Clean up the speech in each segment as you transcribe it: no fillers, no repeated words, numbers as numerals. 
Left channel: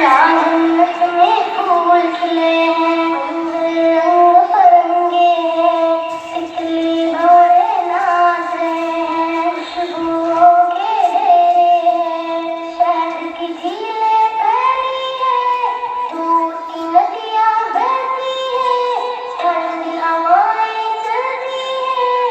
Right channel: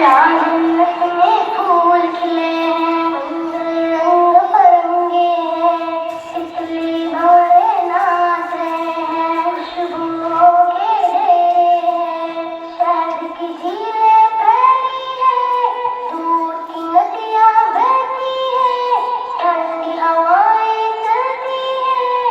यहाँ जन्नत में फूल खिले हैं, रंग बिरंगे हैं, तितली भौरे नाच रहे हैं, खुशबुओं के ढेरे हैं, शहद की झीलें तैरती हैं, दूध की नदियाँ बहती हैं, ठंडी हवाएं चलती हैं,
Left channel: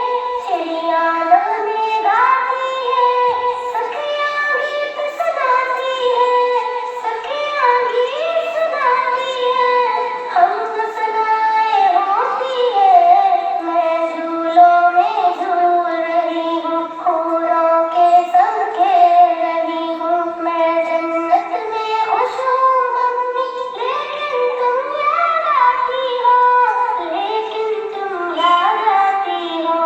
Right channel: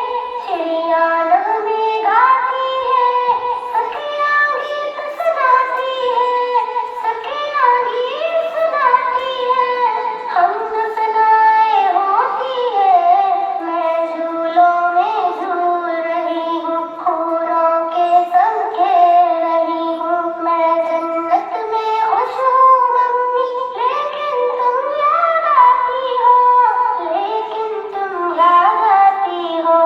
चिड़िया नगमे गाती हैं, सखियाँ गीत सुनाती हैं, सखियाँ गीत सुनाती हैं, हम सुनाए होती है, मैं झूलों में झूल रही हूँ, हूरों के संग खेल रही हूँ, मैं जन्नत में खुश हूँ मम्मी, लेकिन तुम याद आती हो, लेकिन तुम याद आती हो।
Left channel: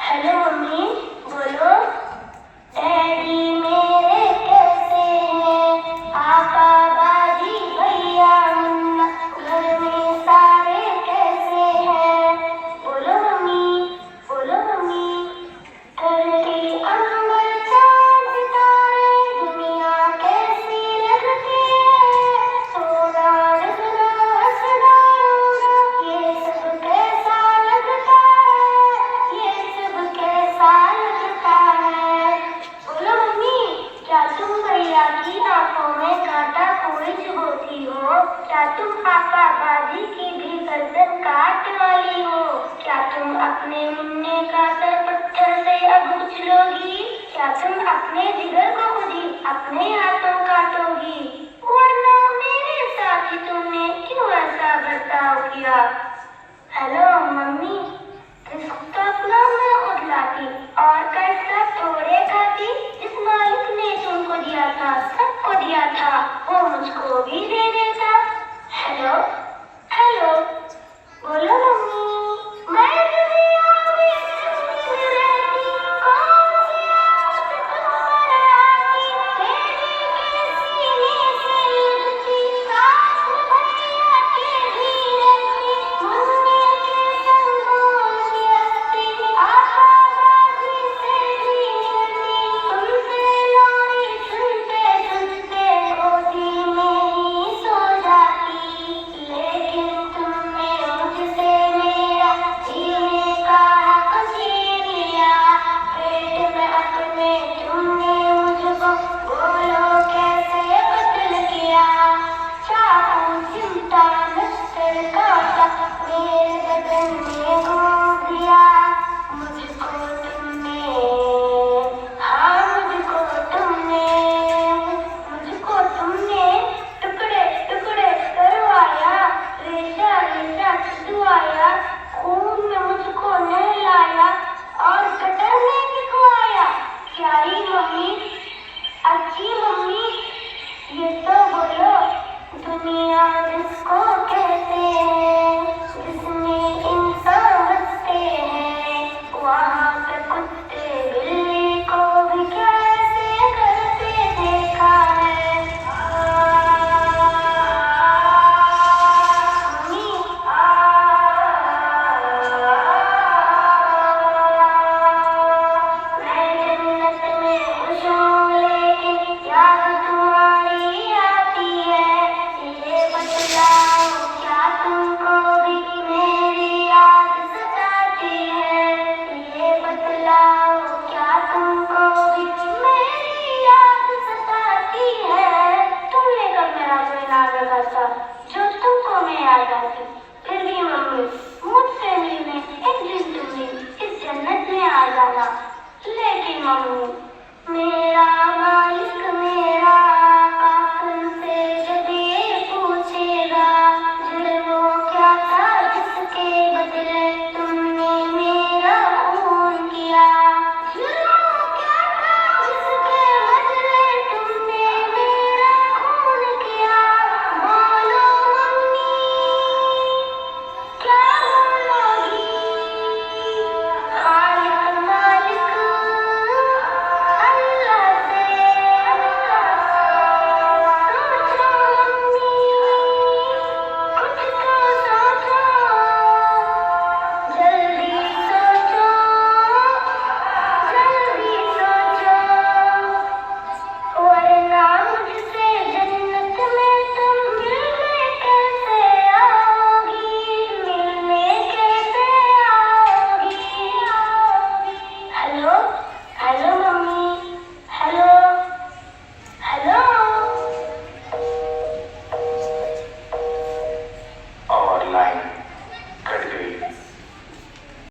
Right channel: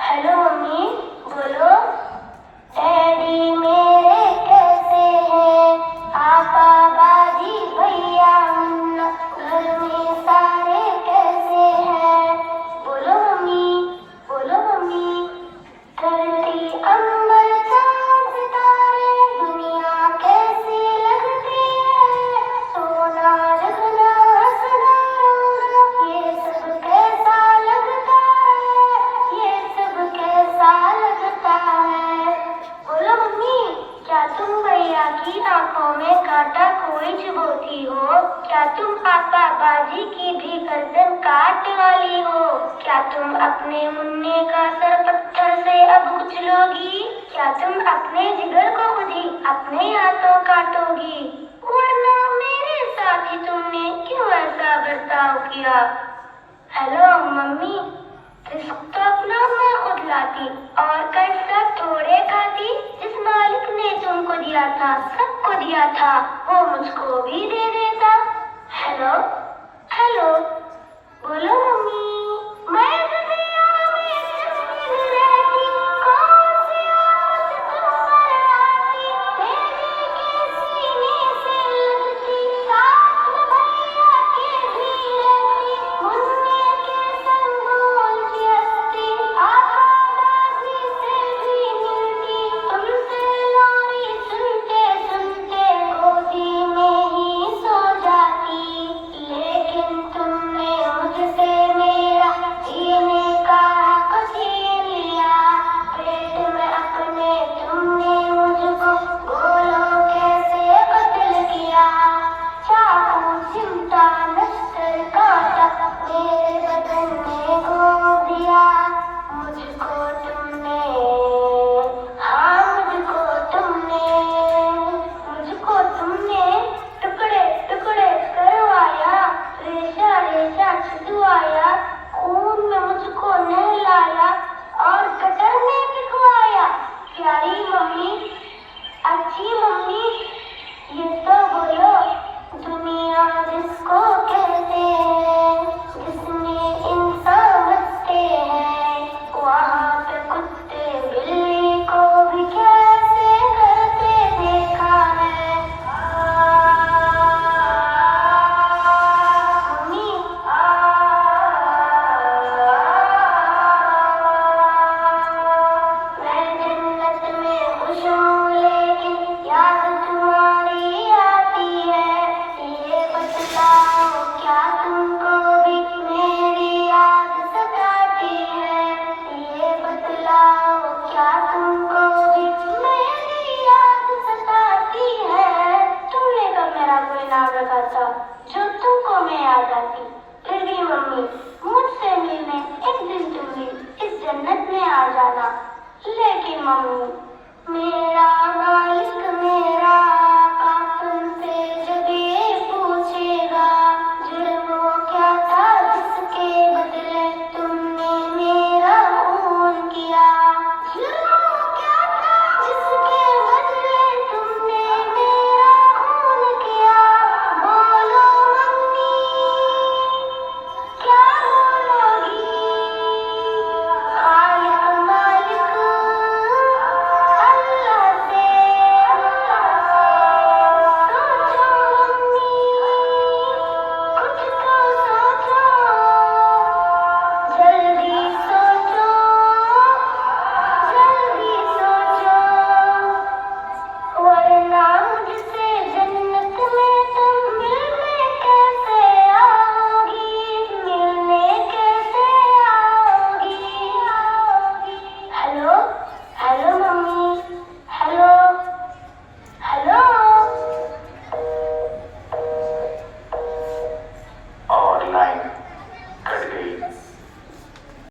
हेलो मम्मी, बोलो। डैडी मेरे कैसे हैं, पापा बाजी भैया मुन्ना, घर में सारे कैसे हैं, बोलो मम्मी, बोलो मम्मी। धरती अंबर चांद सितारे, दुनिया कैसी लगती है, सोना रखना हंसना रोना, ये सब कैसा लगता है, ये सब कैसा लगता है। बोलो मम्मी, क्या तुम भैया की आंखों में कांटा कोई चुभोती हो, क्या तुम पापा बाजी की भी गर्दन काट वाली हो, क्या तुम अपने मुन्ने का सर पत्थर से अब उछलोगी, क्या तुम अपने जिगर को खुद ही अपने हाथों काटोगी, वरना मेरे साथ ही तुमने क्यों ऐसा बर्ताव किया। हेलो मम्मी, रिस्क तो अपना मैं उठलाती और कर्जा थोड़े खाती, जिस मालिक ने तुमको दिया था, सबको दिया था, वो मुझको भी दे देता। हेलो हेलो, बोलो मम्मी।